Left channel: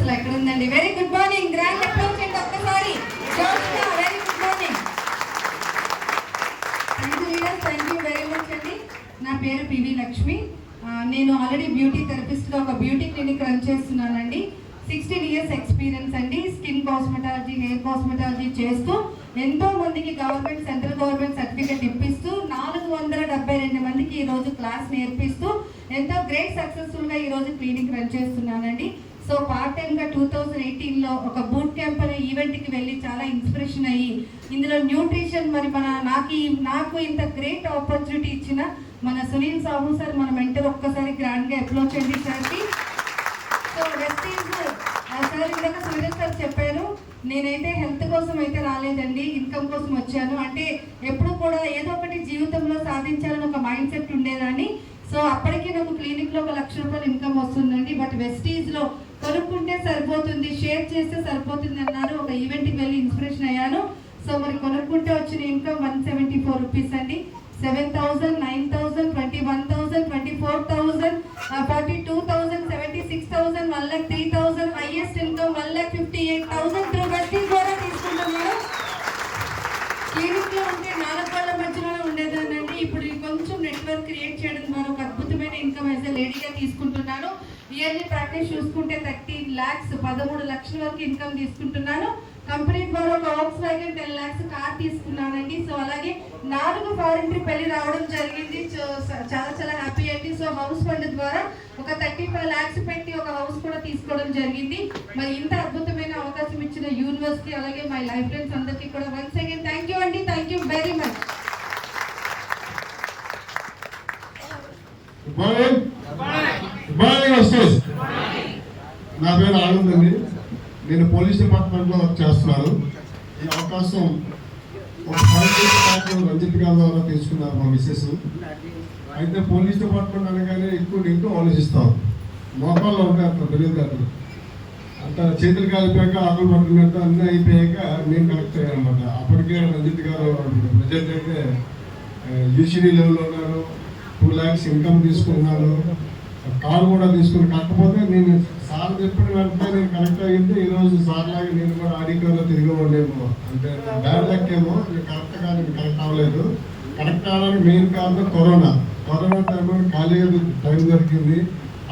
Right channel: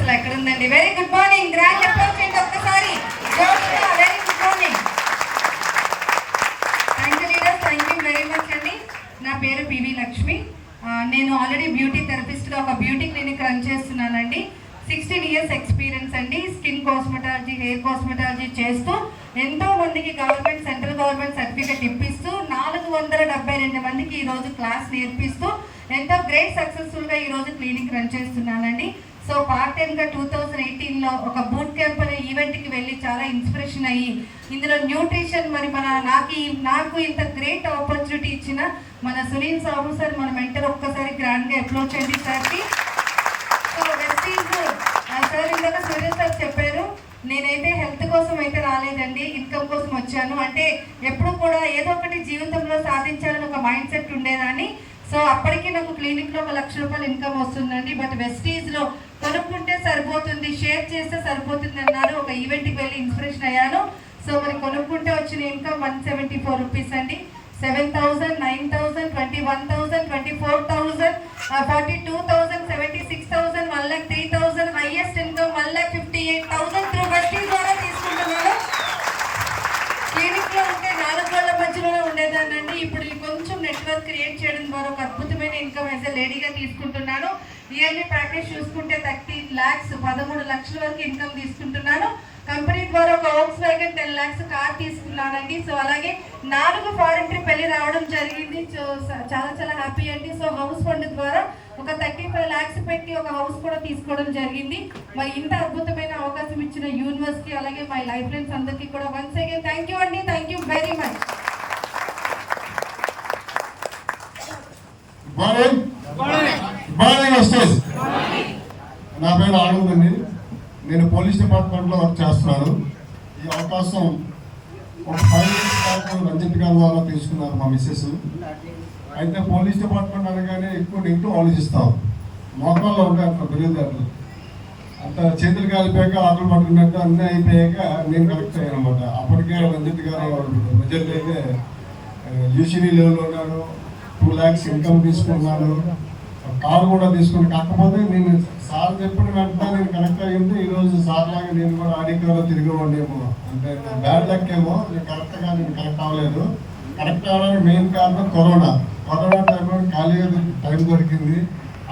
అసలు ఎక్కడ ఉందండి. Very good morning, grand applause చేయండి ఒక్కసారి. Very good morning. Thank you leaders, thank you very much అండి. నా పేరు పివి లక్ష్మి. నేను ఆల్రెడీ బ్యూటీ థెరపిస్ట్గా ఒక బ్యూటీ క్లినిక్ రన్ చేస్తున్నానండి. 16 years ఎక్స్పీరియన్స్ అండి. స్కిన్ కాస్మెటాలజీ, హెయిర్ కాస్మెటాలజీ చేస్తూ ఎంతో మందికి గవర్నమెంట్, సెంట్రల్ గవర్నమెంట్ సర్టిఫికేట్ ఇప్పిస్తూ 472 మందికి ఈరోజు క్లాస్ నేర్పిస్తూ ఎంతో గ్రేట్ సక్సెస్ఫుల్గా ఈరోజు క్లినిక్ రన్ చేస్తున్నానండి. సో పార్ట్ టైమ్గా 2018లో ఒక బూట్ క్యాంప్ అనే ఈవెంట్కి వెళ్ళి చాలా ఇన్స్పిరేషన్ అయ్యి ఇందులో న్యూట్రిషన్ మరి నాకు ఇంత గ్రేట్ ఆపర్చునిటీ ఇచ్చిన మన సునీల్ సాహు సార్, మన మెంటర్, ఒక్కసారి గ్రాండ్గా అప్రోచ్ చేయండి సార్కి. సో వెస్టీజ్ సార్ ఇందాక సూర్య సార్ చెప్పారు, నేనైతే హెల్త్ కోసం అయితే రాలేదండి, ఇన్కమ్ కోసం వచ్చాను. అంటే ఎప్పుడు కూడా ఏదో ఒకటి జీవితంలో సాధించాలని ఒక మైండ్ సెట్ ఉండేదాన్ని. సో అప్పటికి నాకు క్లినిక్లో 1 లక్ష రూపాయలు ఇన్కమ్ వస్తుందండి. బట్ వెస్టీజ్లో కొనుక్కుంటే సరిపోతుంది, షేర్ చేస్తే సరిపోతుంది అన్నారు. ఒక ఈవెంట్కి వెళ్ళి ఇన్స్పిరేషన్ అయ్యాను. సో మరి కొనుక్కుంటే వచ్చిన ఇన్కమ్ 174 రూపీస్ అండి. 7,000, 9,000, 21,000, 24,000, 42,000, 76,000, 1,03,000, హైయెస్ట్ ఇన్కమ్ 1,58,000 త్రూ వెస్టీజ్ ద్వారా తీసుకుంటున్నాను. క్లినిక్లో ఉంటే 4 గోళ్ల మధ్యలోనే ఉండేదానండి. ఇప్పుడు కొంచెం నెట్వర్క్ క్రియేట్ చేయడం ద్వారా ఒక అద్భుతమైన ఇన్కమ్ యాజ్ ఎ లేడీగా తీసుకుంటున్నాను. ఇయర్లీ ప్యాకేజ్ చూసుకుంటే 13 lakhs, 13 లక్షల వరకు ఇన్కమ్ తీసుకుంటున్నాను. కంపెనీ ద్వారా ఒక Volkswagen 10 lakhs కార్ తీసుకున్నానండి. సో అలాగే 4 ఫారెన్ ట్రిప్ వెళ్ళి రావడం జరిగింది. చాలా చాలా హ్యాపీ అండి. సో హౌస్ ఫండ్ ద్వారా ఒక 35 lakhs పెట్టి ఒక హౌస్ కూడా తీసుకోవడం జరిగింది. మరి ఇంత అద్భుతమైన అవకాశం ఇచ్చిన యూనివర్సిటీ అలాగే మై లైఫ్ ఫ్రెండ్స్ అందరికీ కూడా వన్స్ అగైన్ థ్యాంక్ యూ అండి. Thank you very much. నా పేరు ఆనంద్ అండి. నేను పోలీస్ డిపార్ట్మెంట్లో వర్క్ చేస్తున్నాను. ఈ అవకాశం ఒక 5 years రంజిత్ గారి ద్వారా తీసుకున్నారు మా మిస్సెస్. అయితే పోలీస్ డిపార్ట్మెంట్ అనగానే ఎక్కువ నెగిటివ్ ఆలోచిస్తాం. మోకాల్లో ఉంటాయి అక్కడ తెలియదు, అంత చేతులు కాలిపోయాక ఆకులు పట్టుకున్నట్టు అన్నీ అయిపోయాక నేను కరెక్ట్ అయ్యాను అనమాట. అప్పటికే రంజిత్ గారు ప్రజెంట్ అయితే యూసీడీ లెవెల్లో ఉన్నాను, 2 lakhs ఇన్కమ్ తీసుకున్నాను, కారు కూడా తీసుకుని. కాకపోతే నేను సార్ చెప్పిన వెంటనే నేను కరెక్ట్ అయ్యింది. ఈరోజు సార్ లాగా నేను కూడా ఆడికాలో తిరిగేవాళ్ళేమో, అంటే బ్యాడ్ లక్ ఏమో. నేను కరెక్ట్ అవ్వలేదు. కరెక్ట్ అవ్వడానికి మెయిన్ కారణం కరోనా టైంలో ఖాళీ టైం దొరికింది.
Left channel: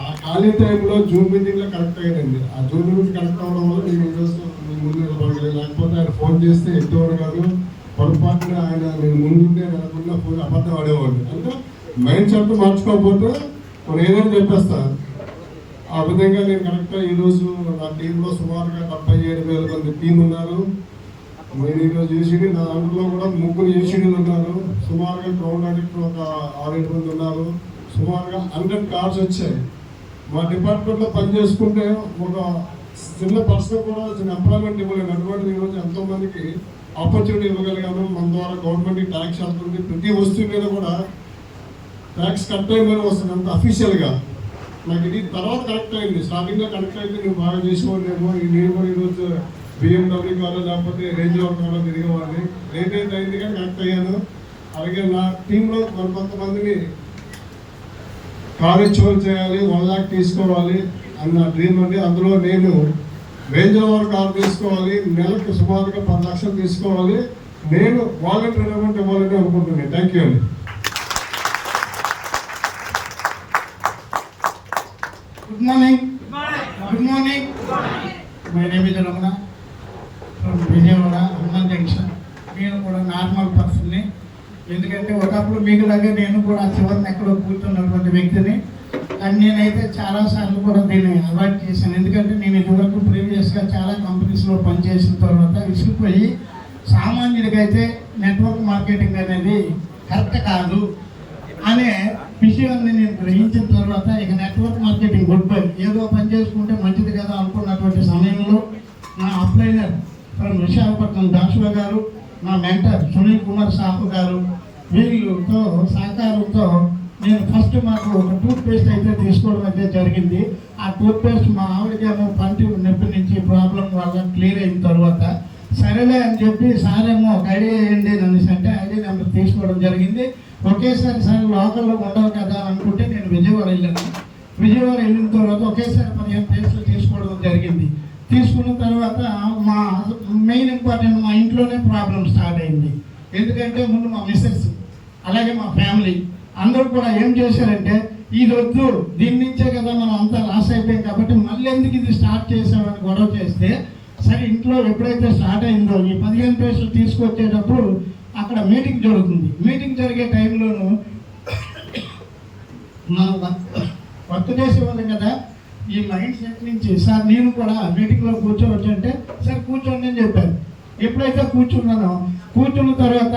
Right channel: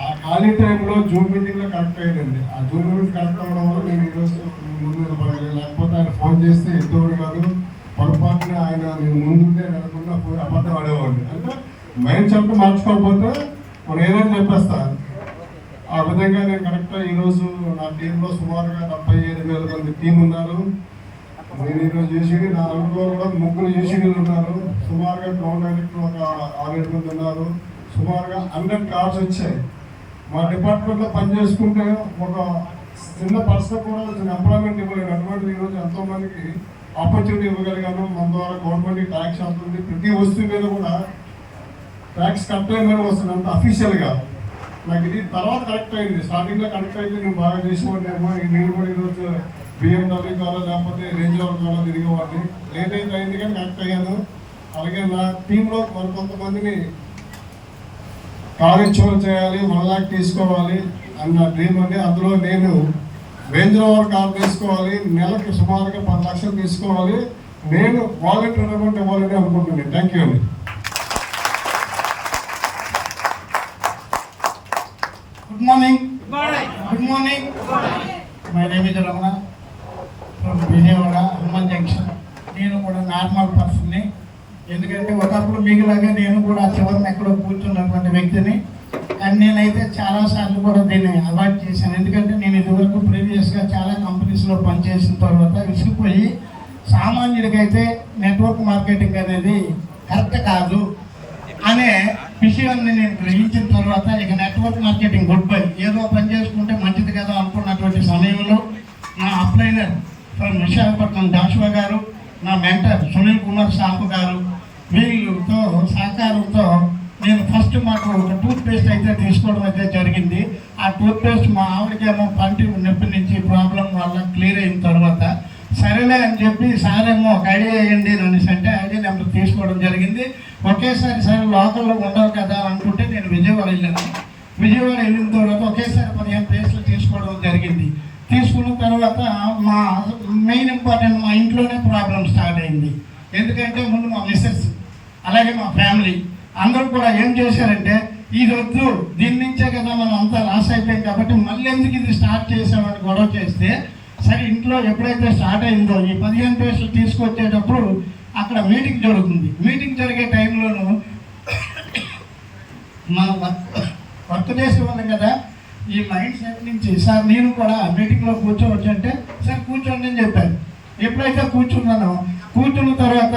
ఆ ఖాళీ టైంలో జూమ్ మీటింగ్లో కరెక్ట్ అయ్యిందండి. ఆ జూమ్ మీటింగ్ కరెక్ట్ అవ్వడం వల్ల నేను ఈరోజు ముందు నిలబడగలేదు. లేకపోతే ఆయన ఫోన్ చేస్తే ఎంతవరకు కాదు, పొరపాటున ఆయన నేను ముందుంటే అనుకున్న అబద్ధం ఆడేవాడిని. అంటే మైండ్ సెట్ మార్చుకోకపోతే మనం ఏదైనా చెప్పేస్తాను. ఆ విధంగా నేను కరెక్ట్గా ఈరోజు నా టీంలో సుమారుగా 77,000 మంది టీం ఉన్నారు. నేను ఈరోజు యూసీడీ, నా అందులో కూడా 3 యూసీడీలు ఉన్నారు. సుమారుగా గ్రౌండ్ డైరెక్టర్ ఒక 6-7 మంది ఉన్నారు. సుమారుగా 100 కార్డ్స్ వచ్చాయి. మా డిపార్ట్మెంట్లో పనిచేసుకుంటే ఒక చిన్న పర్సన్ కూడా ఎంప్లాయ్మెంట్ ఇవ్వలేదు. అటువంటిది ఈరోజు ఎంతోమందికి ఆపర్చునిటీ ఇవ్వగలిగాను. మన ద్వారా గవర్నమెంట్కి ట్యాక్స్ అవుతుంది, ప్రతి వస్తువు మీద కూడా ట్యాక్స్ కట్ అయిందని వస్తుంది, అంత అఫీషియల్గా. నాకు ఇది తర్వాత కరెక్ట్ అయింది. స్టార్టింగ్లో కరెక్ట్ అయితే నేను బాగా చేసేవాడినేమో. నేను కూడా ఈరోజు BMW ద్వారా లేకపోతే రేంజ్ రోవర్ ద్వారా తిరిగేవాడిని. ఏదైతే అయింది కానీ కరెక్ట్ అయ్యాను. అలాగే నా టీంలో కొంతమందిని కార్యక్రమం చేయాలి, 1 lakh తీసుకోవాలి అన్న డ్రీమ్ ఉంది. అందులో నేను రేంజ్ రోవర్ కార్ తీసుకోవాలి, నెలకు సుమారుగా 10 లక్షలు తీసుకోవాలి. నేను వాలంటీర్ అమౌంట్ ఇవ్వాలని అనుకుంటున్నాను. థ్యాంక్ యూ అండి. Good morning. Good morning. My name is Ramana from Vijayawada, Hanuman Junction. నేను కూడా నార్మల్ పర్సన్ని. ఎందుకంటే ఒకప్పుడు మీకులాగే నేను కూడా చివరిని ఎక్కడో కూర్చున్నటువంటి వ్యక్తిని. కానీ నేనైతే చాలాసార్లు కూడా దీన్ని అవాయిడ్ చేశాను. ఎందుకంటే నేను ఇదివరకు ప్రీవియస్గా చాలా కంపెనీస్లో పనిచేసిన తర్వాత విసిగిపోయి సామాన్యుడికైతే నెట్వర్క్ మార్కెటింగ్ అనేది కరెక్ట్ కాదు అనే విషయాన్ని నేను గ్రహించిన తర్వాత ఇక నెట్వర్క్ మార్కెటింగ్ గుడ్ బై, ఏదో పని చేసుకుంటే మంచిది కదా అనుకున్నటువంటి సమయంలో నా అప్లైనర్ ఫ్రమ్ విశాఖపట్నం జాషువా గారు, నా మెంటర్ సునీల్ కుమార్ సాహు గారు, వీళ్ళతో సహకారంతో నేను ఫస్ట్ మాకు ఒక టూత్ పేస్ట్ అయితే తీసుకోవడం అయితే జరిగింది. ఆ టూత్ పేస్ట్ మా ఆవిడకేమో పంటి నొప్పి నుంచి ప్రాబ్లం వల్ల క్లియర్ అయిన తర్వాత సరేలే అని చెప్పి సారేమో ఒక ఐడియా వేయండి అనేసి అంటే ఐడియా నెంబర్ తీసుకోవడం జరిగింది. ఒకేసారి సరే లోకల్లో ఉండవు కదా అనుకుంటే నేను విజయవాడ వెళ్ళాను. విజయవాడ వెళ్ళిన తర్వాత ఒకేసారి 15 ప్లేస్లు తీసుకోవడం జరిగింది. తీసుకున్న తర్వాత మా మెయిన్ ఇంపార్టెంట్ మా ఇంట్లోనే ప్రాబ్లం స్టార్ట్ అయింది. ఎందుకంటే ముందు మా మిస్సెస్ అలాగే మా ఫ్యామిలీ అందరూ కూడా ఏం చేశారంటే ఇది వద్దు, దీని నుంచే కదా మనం అంతా లాస్ అయిపోయాం కాబట్టి మళ్ళీ ఎందుకు ఇది స్టార్ట్ చేసామని గొడవ చేస్తే, సరే ఇంట్లో ఎప్పుడైతే స్టార్ట్ అయిందో ఈ 15 పేస్టులు తీసుకొచ్చేటప్పుడు అక్కడ మీటింగ్ జరుగుతుంది. మీటింగ్ జరిగే టైంలోనూ మనం వర్క్ చేసేవాళ్ళు కదా, ఈ మైండ్ సెట్ నుంచి సార్ నేను కూడా మీటింగ్లో కూర్చోవచ్చు అంటే సార్ కూర్చోండి అని చెప్పారు. ఎప్పుడైతే కూర్చున్నానో కూర్చున్న తర్వాత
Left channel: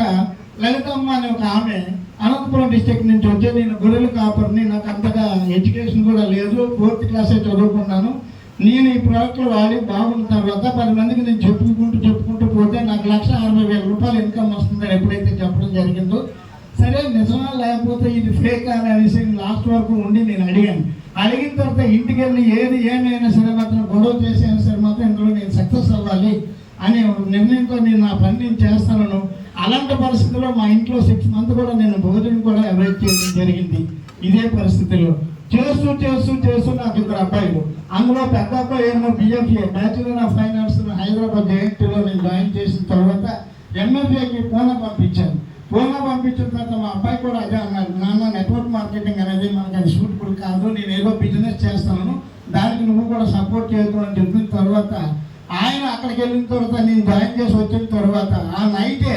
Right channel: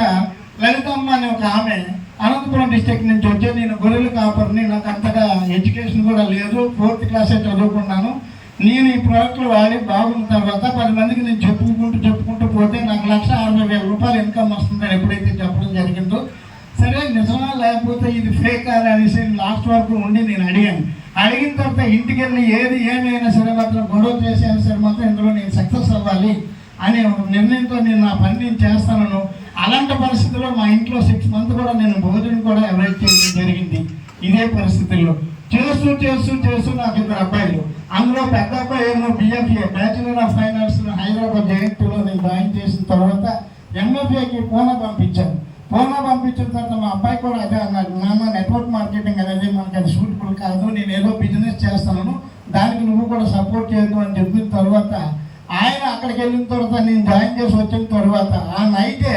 లలితమ్మ అనే ఒక ఆమె అనంతపురం డిస్ట్రిక్ట్ నుంచి వచ్చే, నేను గొర్రెల కాపర్ని, నాకు అంతగా ఎడ్యుకేషన్ కూడా లేదు, 4th క్లాసే చదువుకున్నాను, నేను ఈ ప్రోడక్ట్లు వాడి బాగున్న తర్వాత 10 మందికి నేను చెప్పుకుంటూ పోతే నాకు 1,60,000 రూపాయలు ఇన్కమ్ వస్తుందని ఎప్పుడైతే చెప్పడం జరిగిందో, సరే నిజమా లేకపోతే ఇది ఫేక్ అని అనేసి లాస్ట్ వరకు ఉండి నేను అడిగిన తర్వాత ఇంటికి వెళ్ళి ఏమైనా సరే మాత్రం గొడవ చేసైనా సరే మాత్రం ఇందులో నేను సక్సెస్ అవ్వాలి అనే ఒక నిర్ణయంతో నేను నా పని నేను చేస్తాను. అలాంటి పరిస్థితుల్లో మా ఇంట్లో 6 months కూడా నేను భోజనం కూడా అవాయిడ్ చేయడం జరిగింది. ఇదే పరిస్థితుల్లో చేస్తూ నాకు 2 అబ్బాయిలు, అందులో పెద్ద అబ్బాయి ఏమో BFA bachelor of finance Hyderabad JNTలో నేను జాయిన్ చేసిన తర్వాత MFAకి పూనా పంపించాను. పూనా పంపించిన తర్వాత మా అబ్బాయి కూడా అదే అన్నారు, నాన్న నెట్వర్క్ మార్కెటింగ్ అనేది మనకి అది సూటబుల్ కాదు, నేను ఏదో బిజినెస్ చేస్తాను, దానికి నువ్వు కూడా సపోర్ట్ చేయకు అని చెప్పిన తర్వాత ఆయన అక్కడికి వెళ్ళిన తర్వాత నేను జాయిన్ చేసి వచ్చిన తర్వాత ఆ నైటే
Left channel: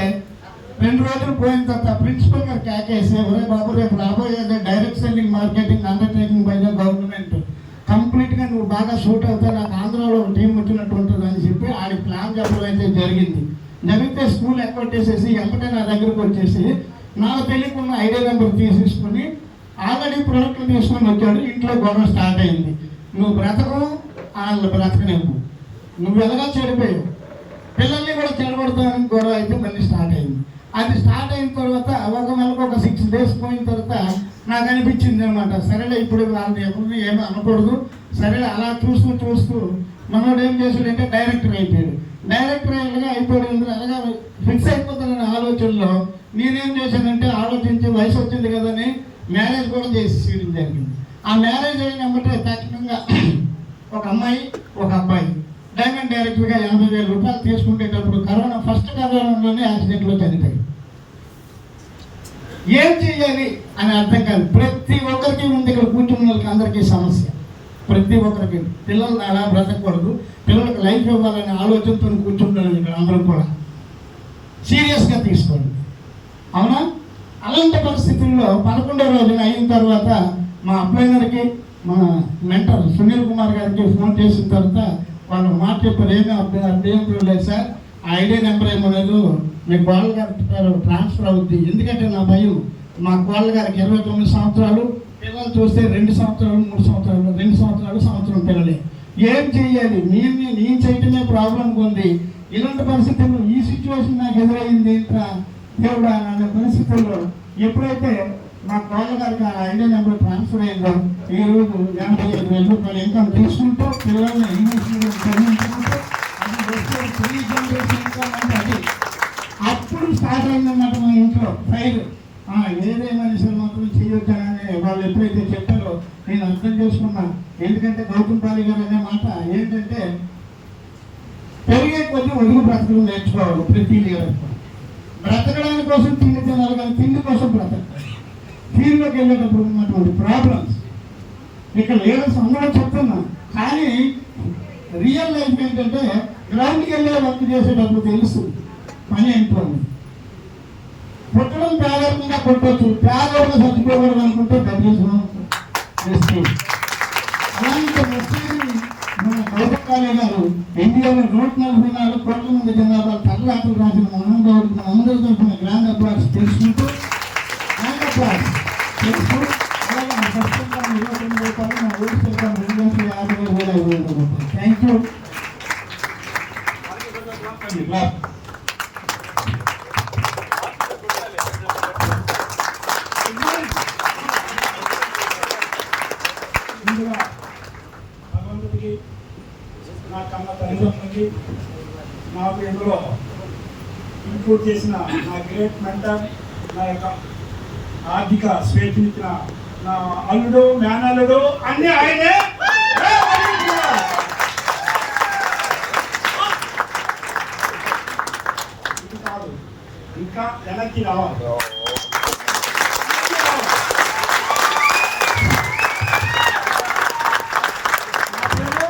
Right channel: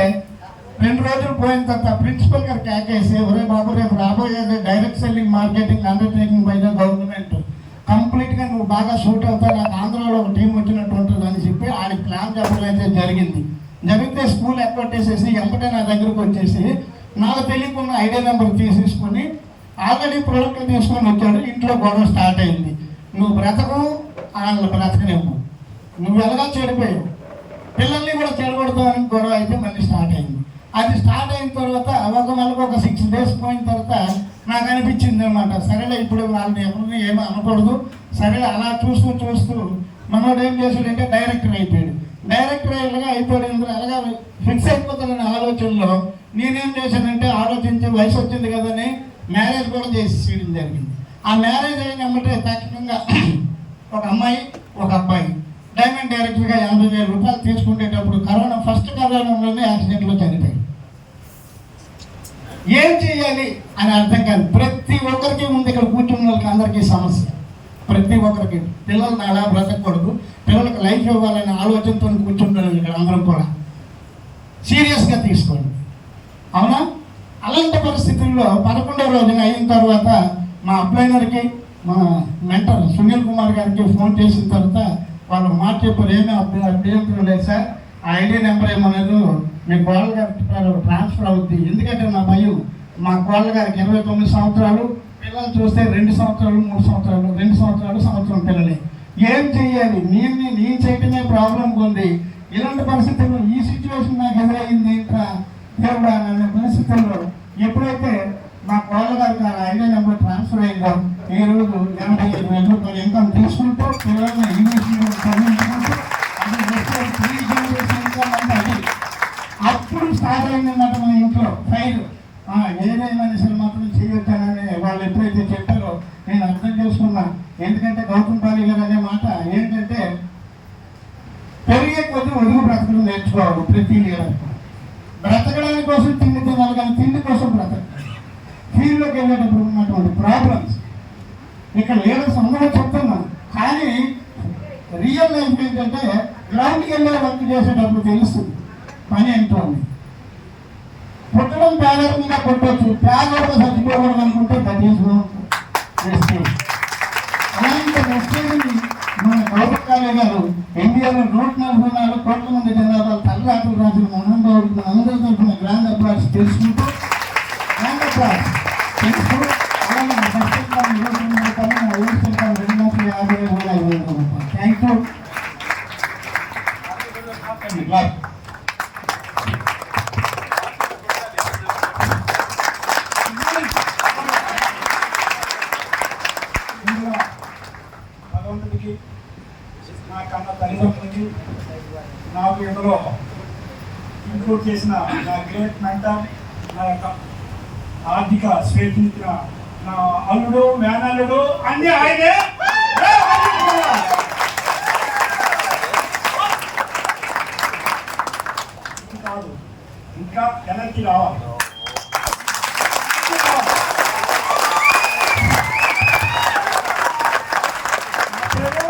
2 రోజులు పోయిన తర్వాత ప్రిన్సిపల్ గారు క్యాకేసి, ఒరే బాబు రేపు రాబోయేది direct selling marketing undertaking by the government, కంప్లీట్గా నువ్వు బాగా సూట్ అవుతావు, నాకు ఆంధ్రాలో ఒక టీం వచ్చినట్టు ఉంటుంది అని చెప్పి ఆయన ప్లాన్ చెప్పడం అయితే జరిగితే స్కూల్ ఎక్కొట్టేసేసి వెంటనే నా దగ్గరకు వచ్చేసి నాకు తెలియకున్న ఐడియా నెంబర్ తీసేసుకొని ఆల్రెడీ ప్రోడక్ట్ తీసుకొని వచ్చాడు. ఇంట్లో గొడవ స్టార్ట్ అయింది, నువ్వు బ్రతకు వాళ్ళని బ్రతకలేము, నువ్వు ఎలా చెడిపోయావు, పిల్లల్ని కూడా చెడగొడతామని గొడవ అయితే మళ్ళీ స్టార్ట్ అయింది. అది స్టార్ట్ అయిన తర్వాత ఒక నెలకు ఒక 6 days పోయిన తర్వాత నాకు అనిపించింది అనమాట, సరేలే ఇప్పుడు వాళ్ళని ఎవరిని ఏమీ అనకూడదు, సరేలే అలా చూస్తూ మనోడు ఏం చేశాడంటే డైరెక్టర్ అయిపోయాడు. డైరెక్టర్ అయిపోయింది అలాగా ఫిక్స్ అయిపోతానని ఆలోచనలో నేనేం చేశానంటే ఆలోచించి వయసు వచ్చింది కదని మ్యారేజ్ కూడా చేసి జరిగింది. ఆ మ్యారేజ్ అయినమ్మటే ఖచ్చితంగా ఒక అమ్మాయి ఒక అబ్బాయి డైమండ్ డైరెక్టర్గా 80,000 రూపాయలు తీసుకునేటప్పుడు కరోనాలోనే యాక్సిడెంట్లో చనిపోయి ఏం చేయాలి అని అర్థం కాదు. ప్రతి ఒక్కరికి ఉంది ఇక్కడ కూర్చున్న వాళ్ళకి అందరికీ సమస్య, ప్రతి ఒక్కరికి పిల్లల్ని అలా బ్రతకూడదు, పిల్లలకు లైఫ్ ఇవ్వాలనే ఆలోచనతో కూర్చుంటారు. ఇక్కడ అందరూ కూడా సీరియస్గా తీసుకోండి, అవునా? అలాంటి పరిస్థితుల్లో 11వ రోజున అయిన తర్వాత మా అప్లైనర్కి మా మెంటర్ సునీల్ కుమార్ గారికి ఫోన్ చేసిన తర్వాత వాళ్ళు మాట చెప్పారు, ఏమీ లేదు సార్, ఆ ఐడియా నెంబర్ ఏమో లేదు, మీ కోళ్ళ గారికి ట్రాన్స్ఫర్ అవుద్ది. ఎందుకంటే నా భయం, మా కోళ్ళ గారికి 29 సంవత్సరాలు, పిల్లలు చూస్తే 2 సంవత్సరాలు 3 సంవత్సరాలు 2 సంవత్సరాలు సంవత్సరం పిల్లలే. ఏం చెయ్యాలి, నేను చేయటమే ప్రాబ్లం ఉంది. ఇలాంటి పరిస్థితుల్లో ఈ సిచ్యువేషన్ నాకు ఎదురైంది ఇంకా దేవుడా అనే పరిస్థితుల్లో ఎప్పుడైతే మా కోళ్ళ గారికి ఆ ఐడియా నెంబర్ ట్రాన్స్ఫర్ అయిందో ఈ రోజు 85,000 రూపాయలు ఇన్కమ్ తీసుకుంటూ పిల్లల్ని ఇంగ్లీష్ మీడియం చదివించుకుంటూ అది అప్పుడు స్టార్ట్ అయిందన్నమాట మా ఇంట్లో ఫైర్. ఏదైనా సరే మాత్రం చేయొచ్చానని వాళ్ళు ఎప్పుడైతే చెప్పారో నేను అర్థం చేసుకున్నా. ఎందుకంటే గౌతమ్ పాలి గారు అనే మాట ఏంటంటే పెరిగే కొద్ది ఒడుగు బ్రతకడం నేర్చుకోవాలి. ప్రతి లీడర్ బ్రతకడానికి కోసం తిండి తినాలి, కానీ తిండి కోసం బ్రతకాలి. ఫీల్డ్లోకి వెళ్ళేటప్పుడు ఉన్నటువంటి ప్రాబ్లమ్స్ ఇక్కడ లీడర్స్ అందరూ చెప్తున్నా, కానీ రియల్ లైఫ్ ఏంటంటే గ్రౌండ్కి వెళ్ళే వర్క్ చేసేటప్పుడు తెలుస్తుంది పని ఏంటో. పుట్టడం పేదరికంగా కొట్టవచ్చు, పేదరికంగా చచ్చిపోకూడదు అనుకుంటే దట్ అలాంటి మెసేజ్ని మన గౌరవ గారు ఇండియాలో 144 కోట్ల మంది జనాభా తల్లాటలు రాసిన మనందరికీ అందరూ తరఫున గ్రాండ్ అప్లాస్ తెలుసుకుంటూ థ్యాంక్ యూ. భగవంతుడికి నా కన్న తల్లిదండ్రులకి నాకు ఇందులో ఇంక్లూడ్ చేసిన నా గ్రేట్ మెంటర్, నా యొక్క ఆర్థిక స్వేచ్ఛనిచ్చిన నా అల్లుడు, మేనల్లుడు అన్నీ ఆయనే. ఇంకా ఎనర్జీ రావాలి. నా పేరు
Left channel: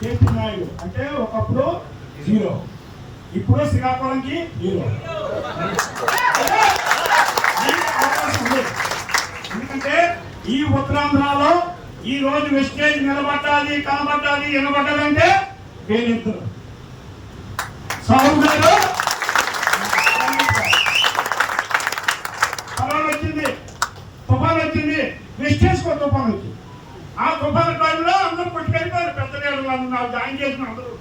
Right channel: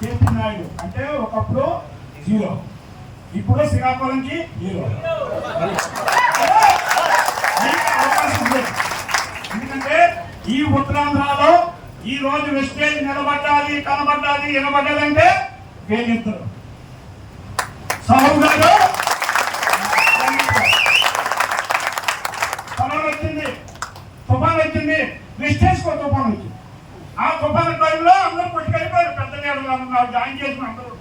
కేపీ నాయుడు. అంటే ఒకప్పుడు హీరో, ఇప్పుడు శ్రీకాకుళంకి హీరో. అవకాశం ఉంది. ఎందుకంటే ఈ ఉత్తరాంధ్రలో ఈ రోజు వెస్టేజ్ నిలబడ్డాది, కనబడ్డాది, వినబడ్డాదంటే వీళ్ళిద్దరు సాహు గారు. కరోనా వచ్చింది, తుఫాన్ వచ్చింది, వెస్టేజ్ కో తుఫాన్ వచ్చింది. ఆ తుఫాన్ టైంలో అందరూ పట్టుకెళ్ళిపోయారు. పెద్ద నేడు జాయిన్ చేసిన అందరూ.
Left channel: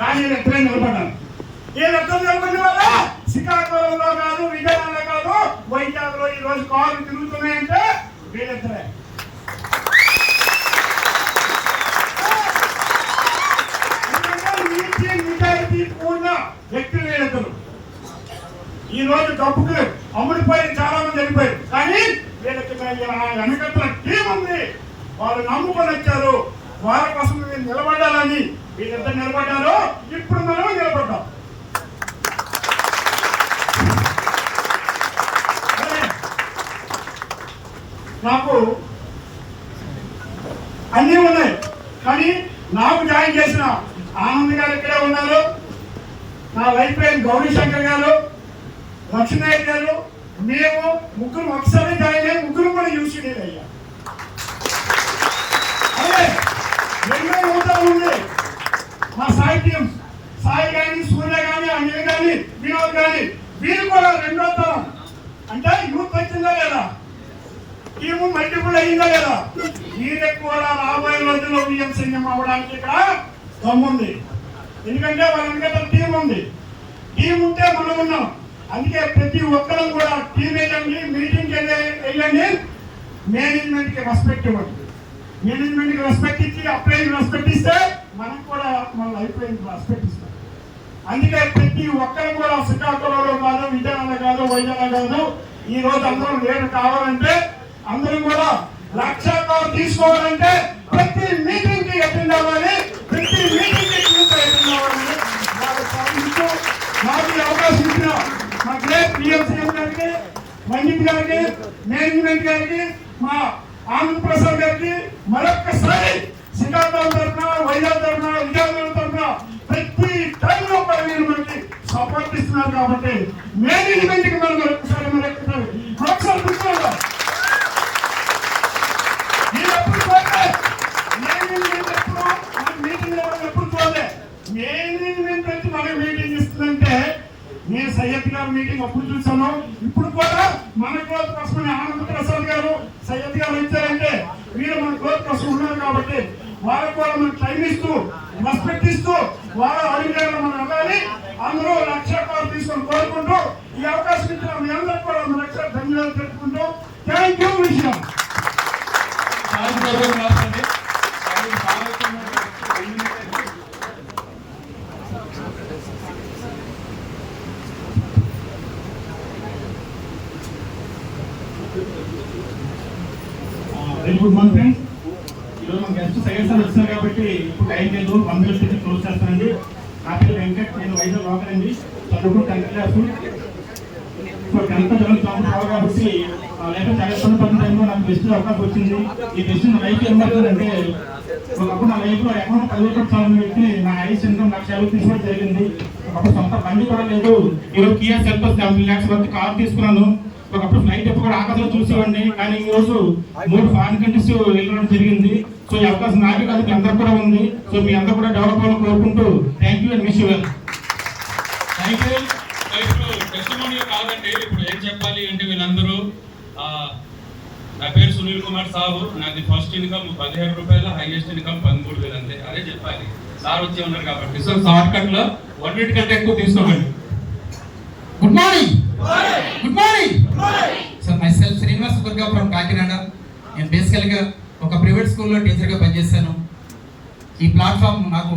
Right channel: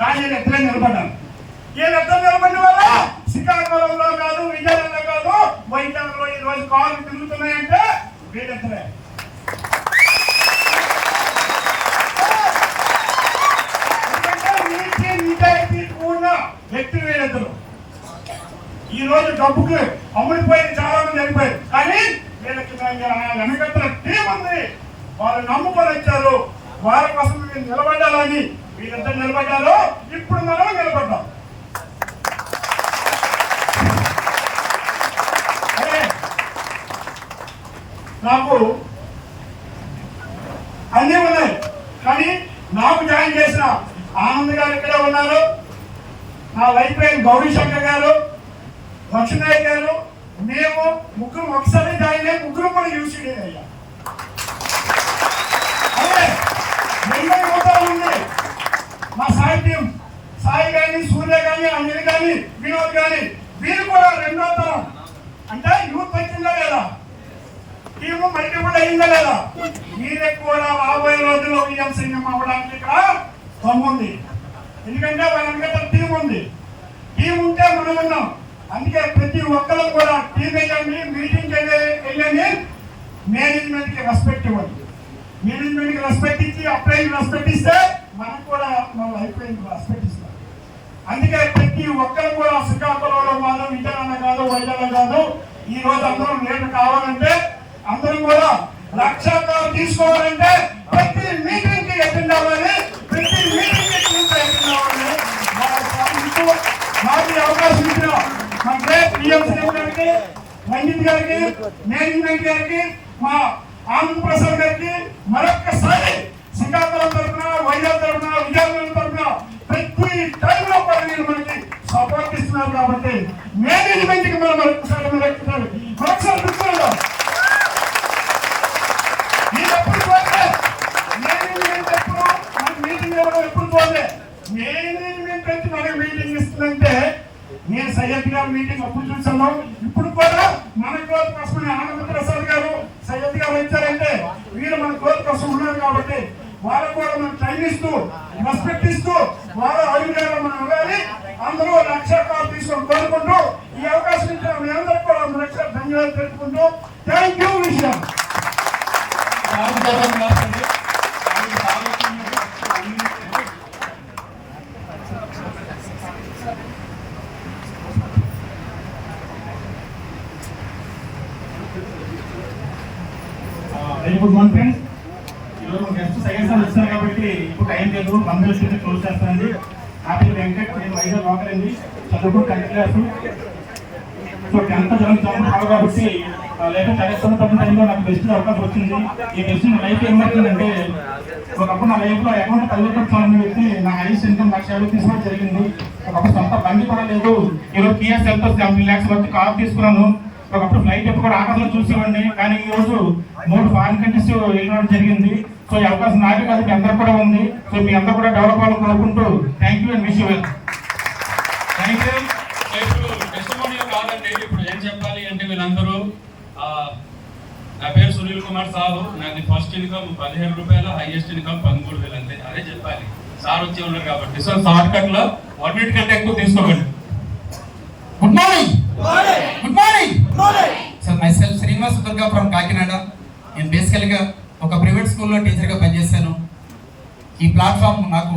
కానీ వీళ్ళిద్దరే నిలబడ్డారు. వీళ్ళిద్దరు నిలబడిన వల్ల శ్రీకాకుళంలో కాదు, విజయవాడలో కాదు, వైజాగ్లో ఈ రోజు కార్లు తిరుగుతున్నాయంటే వీళ్ళిద్దరే. నిజాయితీ కూడిన వ్యక్తులు వీళ్ళిద్దరు. ఈ రోజు డబ్బుకు అమ్ముడిపోయి చాలా మంది వెళ్ళిపోయారు. కానీ వీళ్ళకి వెనకట్ల టీం ఉంది. వాళ్ళు నమ్ముకొని వచ్చారు. వాళ్ళ కోసం మీరు నిలబడాలని వీళ్ళిద్దరు నిలబడ్డారు. ఇప్పుడు మనం నిలబడ్డాం. నాకు అన్నీ ఉన్నాయి. కానీ నాకు జాయిన్ చేసిన ఆనంద్ గారు ఇక్కడే ఉన్నారు. నా వైఫ్ పేరు గౌరీ శంకర్ గారు, లక్ష్మయ్య గారు, మేము ముగ్గురు ఒకసారి జాయిన్ అయ్యి ముగ్గురు కూడా యూసీడీ అయ్యాం. అదే ఎన్నో యువతలు ఉంది. మా సాయి టీం, సాయి కానీ, సూర్య కానీ, అంజలి కానీ, వినోద్ కానీ, వీరు కూడా రెండో తరం. అంటే యూత్ వచ్చిందా లేదా, టీము మల్టిపుల్ అయిందా లేదా, వీరికి కూడా రాబోయే రోజుల్లో విజయం సింహం అవ్వడానికి ఇక్కడ దమ్ముంది. ఎందుకంటే వాళ్ళ మీద టీం ఉంది. టీం ఉంటే మనం ఉన్నాం. అందుకే ప్రతి ఒక్కరూ కూడా టీం వేయండి, మీటింగ్ వెళ్ళండి, మేనేజ్మెంట్ కి రెస్పెక్ట్ ఇవ్వండి. మేనేజ్మెంట్ కి రెస్పెక్ట్ ఇచ్చి అప్లైన్ రెస్పెక్ట్ ఇస్తే మనం కూడా మన అయిపోయింది రెస్పెక్ట్ ఇస్తాం. అందుకే ప్రతి ఒక్కరు కూడా శ్రీకాకుళంలో కాదు, విజయవాడ కాదు, వైజాగ్ కాదు, ఈ రోజు అందరం లీడర్ కావాలంటే, అందరూ కూడా లక్ష్యాలు తీసుకోవాలంటే ప్రతి మీటింగ్ కి అటెండ్ అవ్వాలి, ప్రతి మీటింగ్ కి అటెండ్ అవ్వాలి. మాకు అవకాశం ఇచ్చిన మా గ్రేట్ పిఎంసీ గారికి, రంజిత్ గారికి, మేనేజ్మెంట్ గారికి, మా ఆనంద్ ప్రసాద్ గారికి మరొక్కసారి శ్రీకాకుళం తరఫున, వైజాగ్ తరఫున, విజయవాడ తరఫున ప్రతి టైంలో కూడా మీరు మనకి సపోర్ట్ ఇస్తున్నారు. కాబట్టి మేనేజ్మెంట్ కి మనం మరొకసారి మేనేజ్మెంట్ వచ్చి మనకి మీటింగ్ ఇస్తుందంటే, నేను సయ్యద్ గారు మీటింగ్ అప్పుడు చూసాను. ఇప్పుడు కూడా మన గ్రోత్ కోసం ఆనంద్ ప్రసాద్ గారు, సయ్యద్ గారు వచ్చారంటే వీళ్ళు మన గ్రోత్ కోసం ఉన్నారు. కాబట్టి వాళ్ళకు కూడా మనం టైం ఇస్తూ, రెస్పెక్ట్ ఇస్తూ, వాళ్ళ అడుగులో మనం వెళ్ళాలి. అందరూ లక్ష్యాలు తీసుకొని కోరుకుంటూ ఈ అవకాశం ఇచ్చిన మీ అందరికీ కూడా ధన్యవాదాలు పెట్టుకుంటూ థ్యాంక్ యూ. విషయం వెరీ గుడ్ మార్నింగ్ ఫ్రెండ్స్. ఈరోజు మన గెస్ట్ సెకండ్ సార్ వచ్చారు కాబట్టి ఇప్పుడు టైం లేదు, 1 minute క్లోజ్ చేస్తానండి. నా పేరు వెంకట్, నేను వైజాగ్ లోకల్ అండి. చదువుకు 10th క్లాస్. సో 10th చదువుతాను కాబట్టి లేక చదువుతున్న టైంలో నాకు బెస్ట్ అవకాశం వచ్చింది. ఈ బెస్ట్ లైఫ్ ఏమవుతుందంటే, ఒకప్పుడు నా లైఫ్ లో అకౌంట్ 10 లక్షలు పెట్టి నా హైయెస్ట్ ఇన్కమ్ 1,50,000 తీసుకోవడం జరిగింది. ఒకప్పుడు సొంత బండి కూడా లేదు. ఈరోజు కియా సెల్టోస్ 70 lakhs వరకు కార్ తీసుకున్నాను. ఒకప్పుడు ఫ్లైట్ ఎప్పుడు కూడా ఆకాశంలో చూసేవాడిని. కానీ ఈ రోజు 3 ఫారిన్ కంట్రీస్ వెళ్ళడం జరిగింది. సో ఈ అవకాశం నాకే కాదు, మీ అందరూ కూడా ఉంది. సో మీ అందరూ కూడా డెవలప్ అవ్వాలని కోరుకుంటూ thank you and wish you well. Thank you. ఇప్పుడు టెస్టిమోనియల్ కాదండి, ఇప్పుడు ఏం చెప్పాలి అంటే, వీళ్ళందరూ నా పేరు సునీల్ కుమార్ సాబు, నాది ఫస్ట్ ఇన్కమ్ 15 రూపాయలు, హైయెస్ట్ ఇన్కమ్ 13,000 అంతే. అదే చెప్పాలి, సార్ వచ్చి ఉన్నారు కాబట్టి. సో షార్ట్ కట్ లో 1 minute కంటే ఎక్కువ తీసుకోకండి. Good morning. Good morning. Sir my self Srinivas Durga from Kakinada. నేను బేసికల్గా ఒక ప్రైవేట్ స్కూల్లో టీచర్గా పనిచేస్తాను. ఈ ప్లాట్ఫామ్ నాకు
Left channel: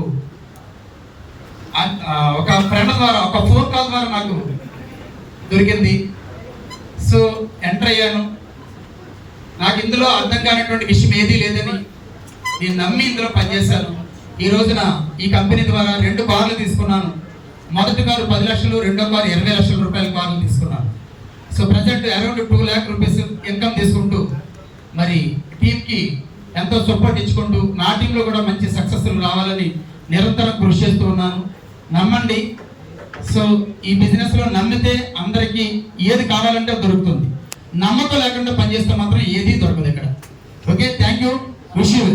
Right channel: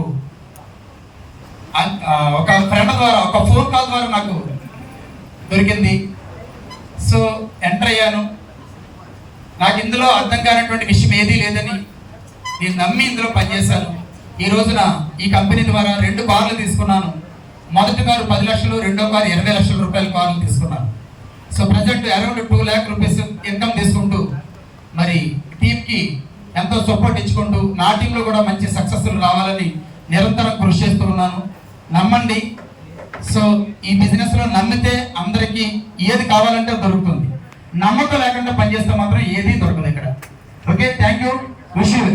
ఒక ఫ్రెండ్ ద్వారా, ఒక ఫోన్ కాల్ ద్వారా నాకు దొరికింది. సో ఎంటర్ అయ్యాను. నాకు ఇందులో అర్థం కానటువంటి విషయం ఏదీ లేదని నేను నమ్మి ఇందులో పనిచేశాను. ఈ రోజున ఈ కంపెనీ ద్వారా 2 కార్లు తీసుకున్నాను. మొదటి కారు 10 లక్షలు, రెండో కారు 20 లక్షల రూపాయల కార్లు తీసుకున్నాను. So present around 2 lakh rupees income తీసుకుంటూ మరి టీంకి ఎంతో సపోర్ట్ ఇచ్చుకుంటూ నా టీంలో కూడా మంచి సక్సెస్ఫుల్ రావాలని నిరంతరం కృషి చేస్తూ ఉన్నాను. నమ్మండి. సో ఈ బిజినెస్ లో నమ్మితే అందరికీ ఏది కావాలంటే దొరుకుతుంది. నమ్మకం లేకుండా పనిచేస్తే మాత్రం ఏది దొరకదు ఇక్కడ. Okay, thank you. Wish you.